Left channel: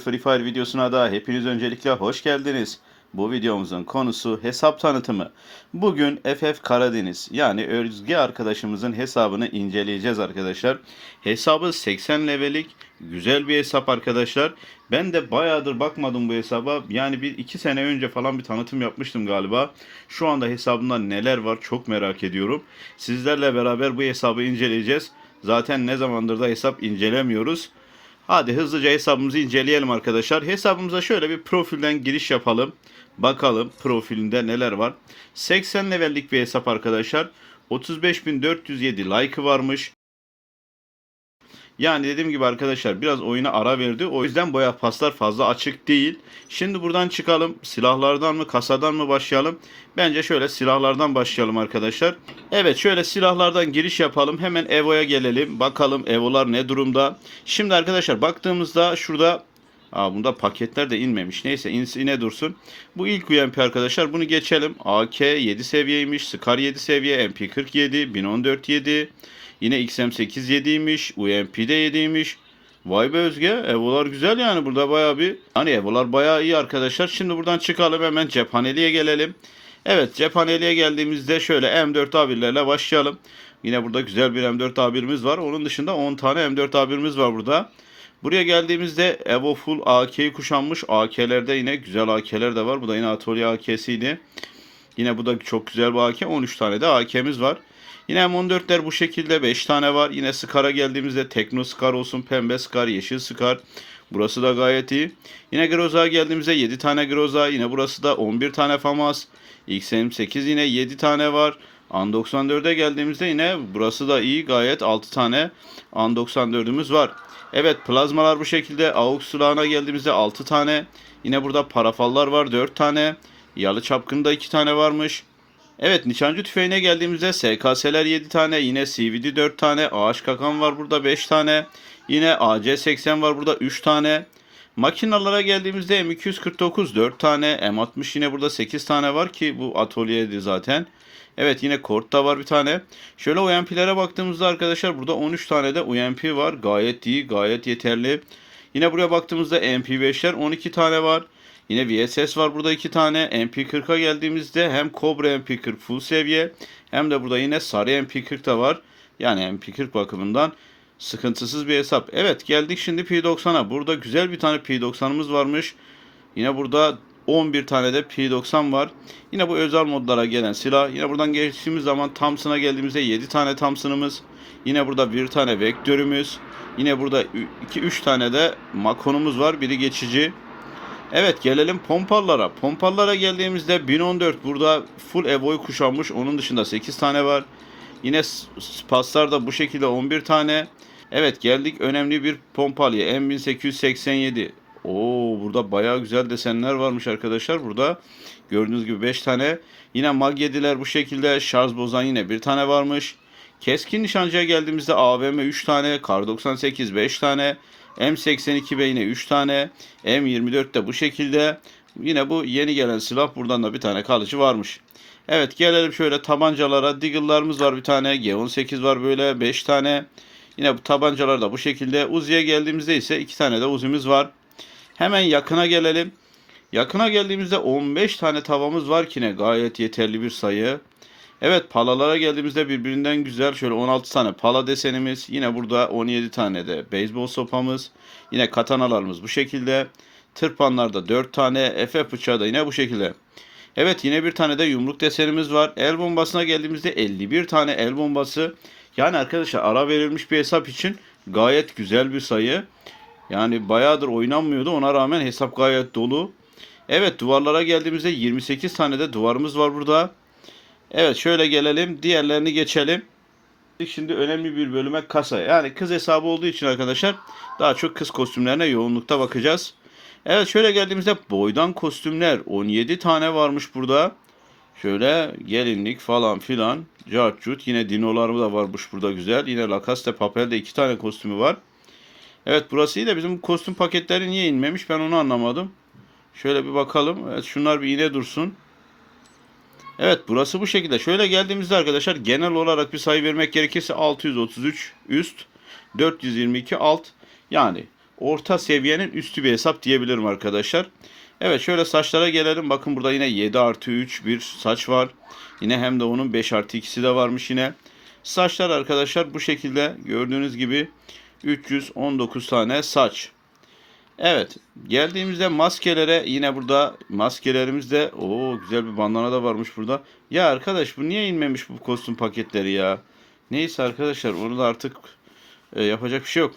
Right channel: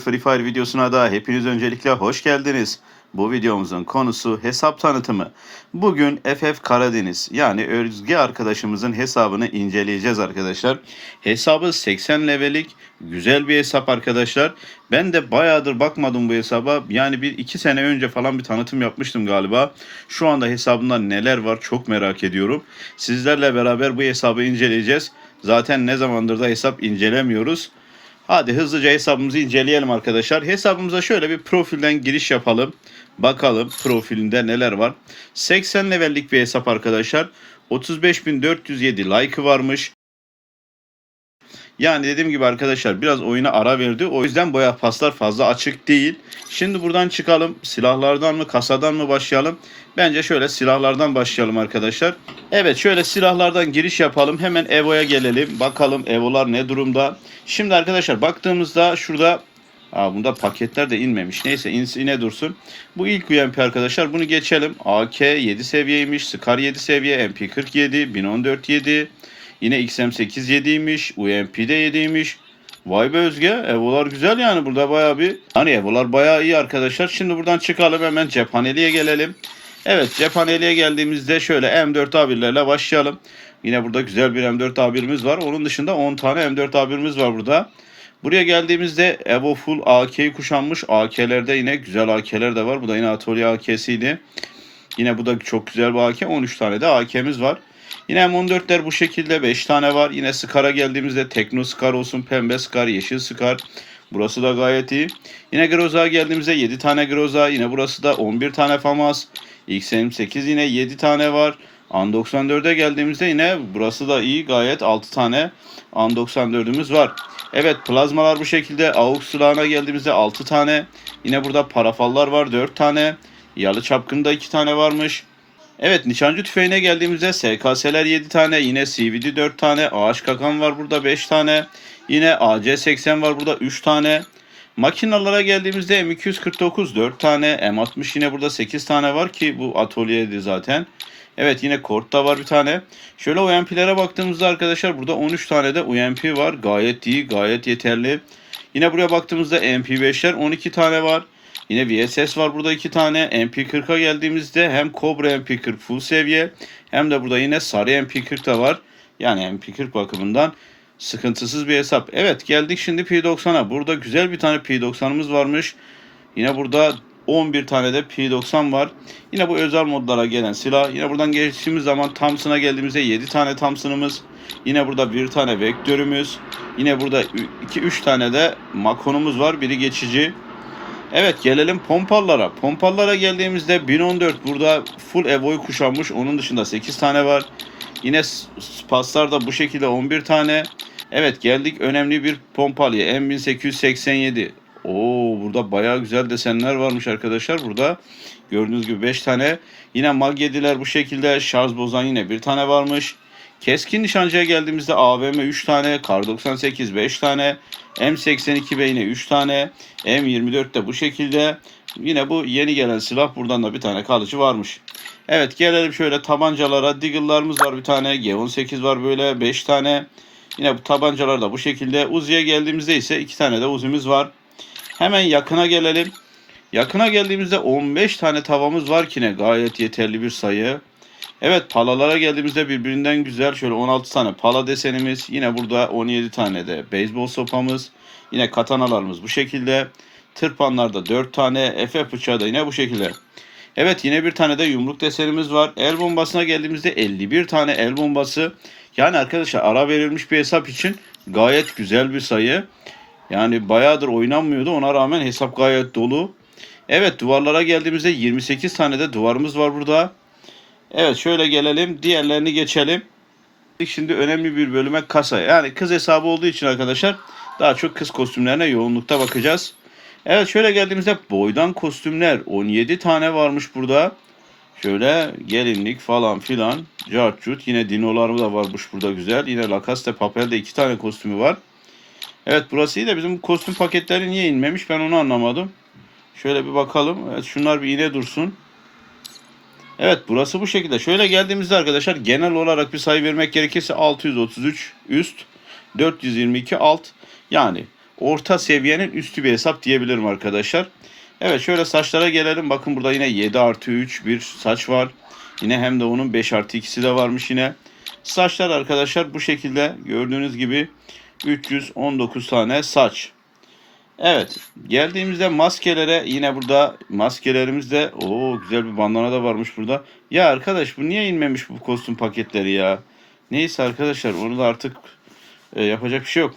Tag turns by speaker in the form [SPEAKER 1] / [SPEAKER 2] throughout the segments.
[SPEAKER 1] Free Fire videosuna da hepiniz öncelikle hoş geldiniz. Bu videomuzun konusu hesap tanıtımı. Bugün FF Karadeniz yani Özge arkadaşımızın hesabını inceleyeceğiz arkadaşlar. Hesabı 80 levelik güzel bir hesap arkadaşlar. Ben de bayağıdır bakmadım bu hesaba. Yani bir iki sene önce falan bir tanıtım yapmıştım galiba. Şu anda hesabında neler var çok merak ediyorum. Sizlerle beraber bu hesabı inceleyeceğiz. Zaten ne zamandır da hesap incelemiyoruz. Hadi hızlıca hesabımızı inceleyelim arkadaşlar. Hesabımıza şöyle bir profilden giriş yapalım. Bakalım profilinde neler var. 80 levellik bir hesap arkadaşlar. 35.407 like'ı varmış. Yani dediğim gibi arkadaşlar biraz oyuna ara verdi. O yüzden boya paslar fazla açık değil. Şimdi buradan çıkalım. Silahlardan mı kasadan mı başlayalım? Bence şöyle silahlardan başlayalım arkadaşlar. Evet şöyle silahlardan giriş yapalım. Hemen Evo'ya gelelim. Bakalım Evo'lar ne durumda. Şimdi arkadaşlar baktığımızda şurada Aa, bunda paketler de inmemiş. Neyse insin yine dursun. Bu ilk UMP arkadaşlar. Bunu geçelim. AK 7 seviyeymiş. Scar 7 seviye. MP 47. 1014 7. Yine XM8 7'ymiş. UMP de 7'ymiş. Vay be Özge. Evolar güzel yani. Burada bayağı bir... Hani Evolar bayağı iyi arkadaşlar. Şimdi buradan çıkalım. Hemen cephaneliğe gelelim. Evet cephaneliğe geldiğimizde şöyle M4 A1'lerle başlayalım. Yine burada güzel bir M4 A1'imiz var. Onun dışında 10 tane M4 A1'imiz var burada. Buraya geldiğimizde Evo Full AK'yi kuşanmış. AK'lerde yine güzel AK'ler de var. Bu da yine Atölye AK'siydi. Yine bu da çok güzel bir AK. 13 tane de AK'miz var. Yine M14'ler bu şekilde 5 tane var. Yine Scar'a geldiğimizde Tekno Scar olsun, Pembe Scar, Yeşil Scar. Burası da gayet iyi. Yine Groza'ya geldiğimizde 7 tane Groza. Yine burası da 11 tane FAMAS. XM8 yine 7 tane var. An 94'e geldiğimizde yine burası da iyi. Gayet 6 tane An 94'ümüz var. Evet plazmalar bu şekilde. AUX silahına geldiğimizde 6 tane. Yine burada parafallar var 4 tane. Yalı çapkında 2 tane varmış. Evet nişancı tüfeğine geldiğimizde SKS'ler 7 tane. Yine CVD 4 tane. Ağaç kakan var burada 5 tane. Yine AC80 var burada 3 tane. Makinalara geldiğimizde M249 4 tane. M60 yine burada 8 tane var ki bu atölyeydi zaten. Evet yine Kort'ta var bir tane. Şöyle UMP'lere baktığımızda arkadaşlar burada 13 tane de UMP var. Gayet iyi, gayet yeterli. Yine buraya baktığımızda MP5'ler 12 tane var. Yine VSS var burada 2 tane. MP40'a geldiğimizde hem Cobra MP40 full seviye hem de burada yine sarı MP40 da var. Yani MP40 bakımından sıkıntısız bir hesap. Evet geldik şimdi P90'a. Burada güzel bir tane P90'ımız varmış. Yine burada 11 tane de P90 var. Yine bu özel modlara gelen silah. Yine buradan geçtiğimiz zaman Thompson'a geldiğimizde 7 tane Thompson'ımız. Yine burada bir tane vektörümüz. Yine burada 2-3 tane de makonumuz var. Biri geçici. Evet gelelim pompallara. Pompallara geldiğimizde 1014 burada full Evo'yu kuşanmış. Onun dışında 8 tane var. Yine paslar da bu şekilde 11 tane. Evet geldik önemli bir pompalıya. M1887. Oo burada bayağı güzel desenler varmış arkadaşlar. Burada gördüğünüz gibi 5 tane. Yine mag 7'ler bu şekilde. Şarj bozan yine bir tane varmış. Keskin nişancıya geldiğimizde AVM 3 tane, Kar 98 5 tane, M82B yine 3 tane, M24 de bu şekilde. Yine bu yeni gelen silah buradan da bir tane kalıcı varmış. Evet gelelim şöyle tabancalara. Deagle'larımız var bir tane. G18 var böyle 5 tane. Yine bu tabancalar da bu şekilde. Uzi'ye geldiğimizde ise 2 tane de Uzi'miz var. Hemen yakına gelelim. Yakına geldiğimizde 15 tane tavamız var ki ne gayet yeterli bir sayı. Evet palalara geldiğimizde birbirinden güzel şöyle 16 tane pala desenimiz. Yine burada 17 tane de beyzbol sopamız. Yine katanalarımız bu şekilde. Tırpanlarda 4 tane. Efe bıçağı da yine bu şekilde. Evet yine bir tane de yumruk desenimiz var. El bombasına geldiğimizde 51 tane el bombası. Yani arkadaşlar ara verilmiş bir hesap için gayet güzel bir sayı. Yani bayağıdır oynanmıyordu. Ona rağmen hesap gayet dolu. Evet duvarlara geldiğimizde 28 tane de duvarımız var burada. Evet şöyle gelelim. Diğerlerini geçelim. Şimdi önemli bir bölüme kasa. Yani kız hesabı olduğu için arkadaşlar daha çok kız kostümlerine yoğunlukta bakacağız. Evet şöyle geldiğimizde boydan kostümler 17 tane varmış burada. Şöyle gelinlik falan filan. Cartcut. Yine dinolar da varmış burada güzel. Yine Lacaste Papel'de iki tane kostümü var. Evet burası iyi de bizim kostüm paketleri niye inmemiş ben onu anlamadım. Şöyle bir bakalım. Evet şunlar bir yine dursun. Evet burası bu şekilde. Şöyle geldiğimizde arkadaşlar genel olarak bir sayı vermek gerekirse 633 üst, 422 alt. Yani orta seviyenin üstü bir hesap diyebilirim arkadaşlar. Evet şöyle saçlara gelelim. Bakın burada yine 7 artı 3 bir saç var. Yine hem de onun 5 artı 2'si de varmış yine. Saçlar arkadaşlar bu şekilde gördüğünüz gibi 319 tane saç. Evet geldiğimizde maskelere yine burada maskelerimizde o güzel bir bandana da varmış burada. Ya arkadaş bu niye inmemiş bu kostüm paketleri ya? Neyse arkadaşlar onu da artık e, yapacak bir şey yok.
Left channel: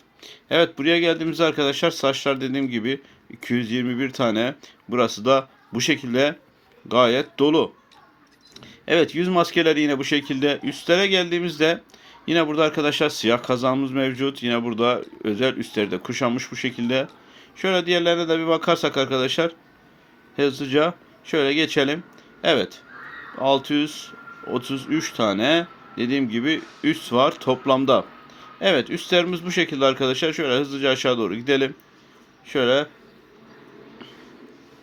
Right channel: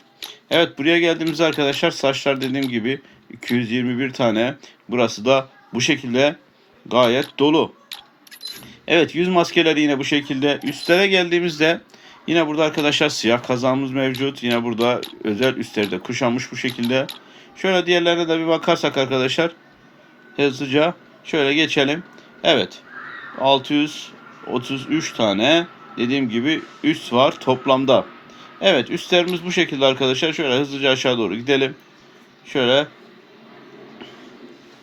[SPEAKER 1] Evet buraya geldiğimizde arkadaşlar saçlar dediğim gibi 221 tane. Burası da bu şekilde gayet dolu. Evet yüz maskeleri yine bu şekilde. Üstlere geldiğimizde yine burada arkadaşlar siyah kazağımız mevcut. Yine burada özel üstleri de kuşanmış bu şekilde. Şöyle diğerlerine de bir bakarsak arkadaşlar hızlıca şöyle geçelim. Evet 633 tane dediğim gibi üst var toplamda. Evet üstlerimiz bu şekilde arkadaşlar. Şöyle hızlıca aşağı doğru gidelim. Şöyle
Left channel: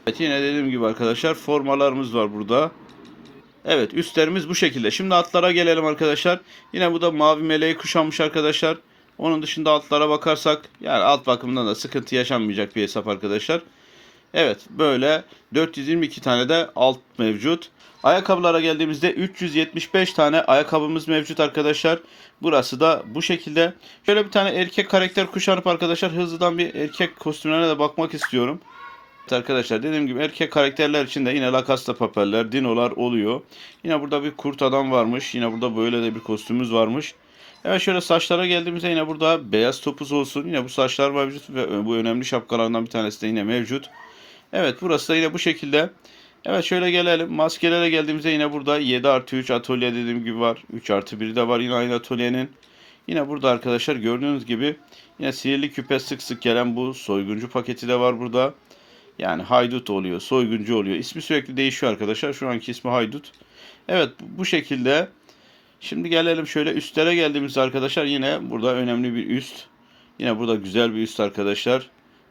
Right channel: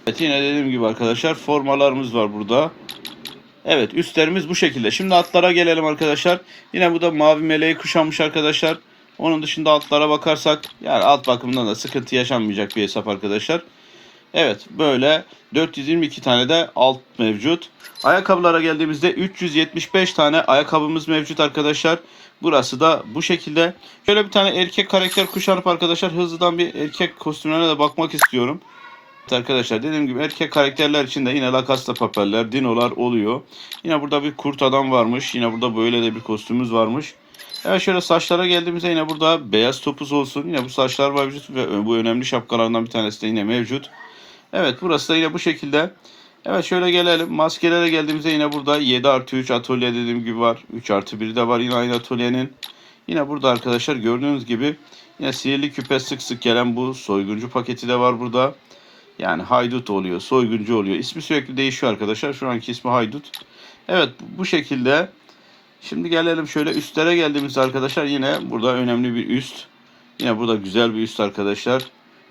[SPEAKER 1] Evet yine dediğim gibi arkadaşlar formalarımız var burada. Evet üstlerimiz bu şekilde. Şimdi atlara gelelim arkadaşlar. Yine bu da mavi meleği kuşanmış arkadaşlar. Onun dışında altlara bakarsak yani alt bakımından da sıkıntı yaşanmayacak bir hesap arkadaşlar. Evet böyle 422 tane de alt mevcut. Ayakkabılara geldiğimizde 375 tane ayakkabımız mevcut arkadaşlar. Burası da bu şekilde. Şöyle bir tane erkek karakter kuşanıp arkadaşlar hızlıdan bir erkek kostümlerine de bakmak istiyorum. Evet arkadaşlar dediğim gibi erkek karakterler için de yine Lacoste papeller, dinolar oluyor. Yine burada bir kurt adam varmış. Yine burada böyle de bir kostümümüz varmış. Evet şöyle saçlara geldiğimizde yine burada beyaz topuz olsun. Yine bu saçlar mevcut ve bu önemli şapkalardan bir tanesi de yine mevcut. Evet burası da yine bu şekilde. Evet şöyle gelelim. Maskelere geldiğimizde yine burada 7 artı 3 atölye dediğim gibi var. 3 artı 1 de var yine aynı atölyenin. Yine burada arkadaşlar gördüğünüz gibi yine sihirli küpe sık sık gelen bu soyguncu paketi de var burada. Yani haydut oluyor, soyguncu oluyor. İsmi sürekli değişiyor arkadaşlar. Şu anki ismi haydut. Evet bu şekilde. Şimdi gelelim şöyle üstlere geldiğimizde arkadaşlar yine burada önemli bir üst. Yine burada güzel bir üst arkadaşlar.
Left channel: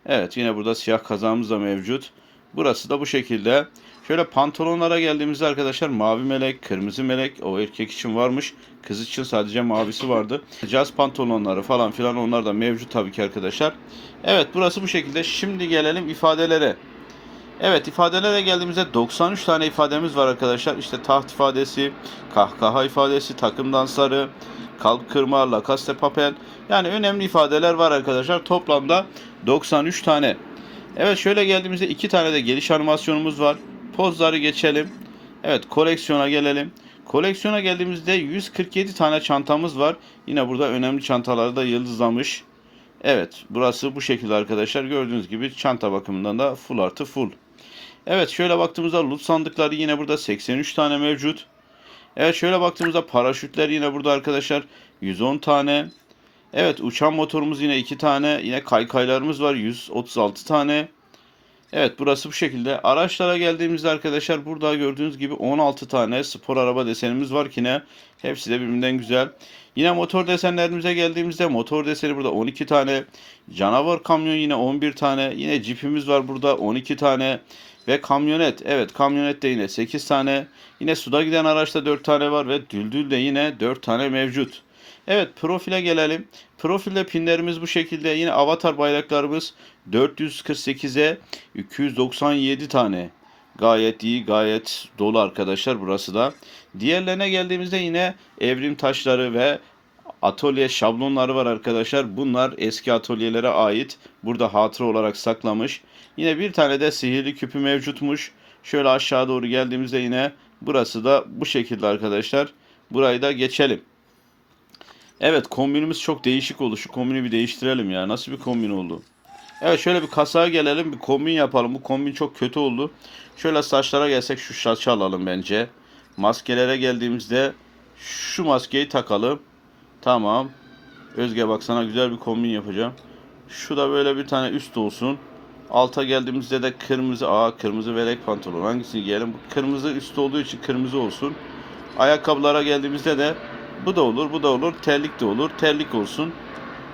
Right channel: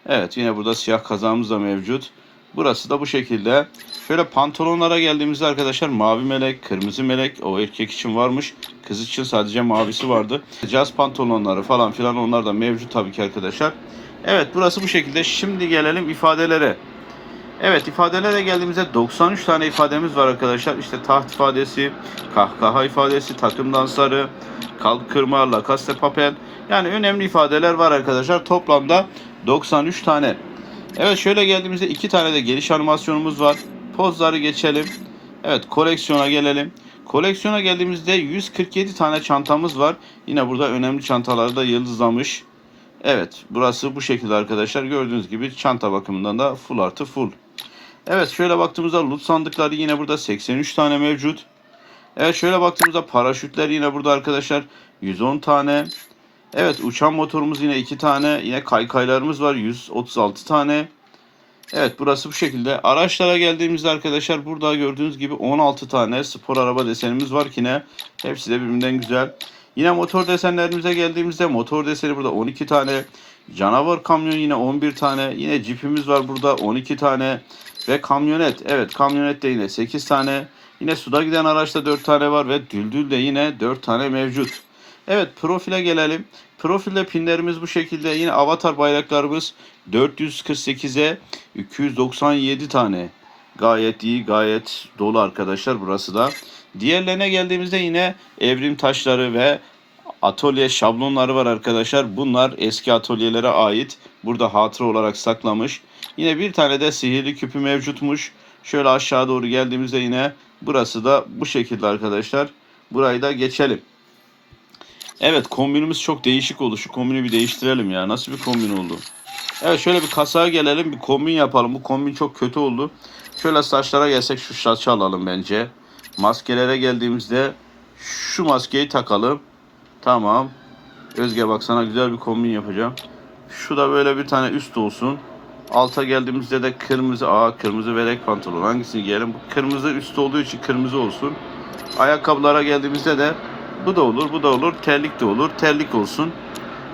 [SPEAKER 1] Evet yine burada siyah kazağımız da mevcut. Burası da bu şekilde. Şöyle pantolonlara geldiğimizde arkadaşlar mavi melek, kırmızı melek o erkek için varmış. Kız için sadece mavisi vardı. Caz pantolonları falan filan onlar da mevcut tabii ki arkadaşlar. Evet burası bu şekilde. Şimdi gelelim ifadelere. Evet ifadelere geldiğimizde 93 tane ifademiz var arkadaşlar. İşte taht ifadesi, kahkaha ifadesi, takım dansları, kalk kırma, lakaste papel. Yani önemli ifadeler var arkadaşlar. Toplamda 93 tane. Evet şöyle geldiğimizde iki tane de geliş animasyonumuz var. Pozları geçelim. Evet koleksiyona gelelim. Koleksiyona geldiğimizde 147 tane çantamız var. Yine burada önemli çantaları da yıldızlamış. Evet burası bu şekilde arkadaşlar. Gördüğünüz gibi çanta bakımından da full artı full. Evet şöyle baktığımızda loot sandıkları yine burada 83 tane mevcut. Evet şöyle baktığımızda paraşütler yine burada arkadaşlar 110 tane. Evet uçan motorumuz yine 2 tane. Yine kaykaylarımız var 136 tane. Evet burası bu şekilde. Araçlara geldiğimizde arkadaşlar burada gördüğünüz gibi 16 tane spor araba desenimiz var ki ne. Hepsi de birbirinden güzel. Yine motor desenlerimize geldiğimizde motor deseni burada 12 tane. Canavar kamyon yine 11 tane. Yine cipimiz var burada 12 tane. Ve kamyonet. Evet kamyonet de yine 8 tane. Yine suda giden araçta 4 tane var ve düldül de yine 4 tane mevcut. Evet profile gelelim. Profilde pinlerimiz bu şekilde. Yine avatar bayraklarımız 448'e 297 tane. Gayet iyi, gayet dolu arkadaşlar burası da. Diğerlerine geldiğimizde yine evrim taşları ve atölye şablonları var arkadaşlar. Bunlar eski atölyelere ait. Burada hatıra olarak saklamış. Yine bir tane de sihirli küpü mevcutmuş. Şöyle aşağı doğru geldiğimizde yine burası da bu şekilde arkadaşlar. Burayı da geçelim. Evet kombinimiz çok değişik oldu. Şu kombini bir değiştirelim ya. Nasıl bir kombin oldu? Evet şöyle bir kasaya gelelim. Bir kombin yapalım. Bu kombin çok kötü oldu. Şöyle saçlara gelsek şu saçı alalım bence. Maskelere geldiğimizde şu maskeyi takalım. Tamam. Özge bak sana güzel bir kombin yapacağım. Şu da böyle bir tane üst olsun. Alta geldiğimizde de kırmızı aa kırmızı velek pantolon hangisini giyelim? Bu kırmızı üst olduğu için kırmızı olsun. Ayakkabılara geldiğimizde de bu da olur, bu da olur. Terlik de olur. Terlik olsun.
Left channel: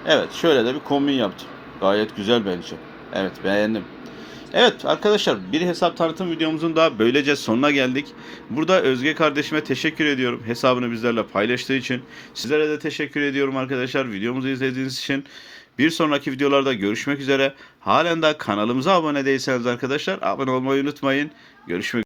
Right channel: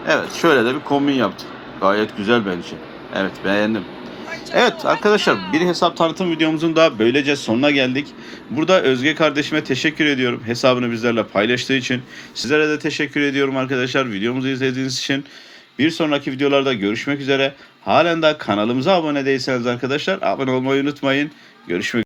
[SPEAKER 1] Evet, şöyle de bir kombin yaptım. Gayet güzel bence. Evet, beğendim. Evet arkadaşlar bir hesap tanıtım videomuzun da böylece sonuna geldik. Burada Özge kardeşime teşekkür ediyorum. Hesabını bizlerle paylaştığı için. Sizlere de teşekkür ediyorum arkadaşlar. Videomuzu izlediğiniz için. Bir sonraki videolarda görüşmek üzere. Halen daha kanalımıza abone değilseniz arkadaşlar abone olmayı unutmayın. Görüşmek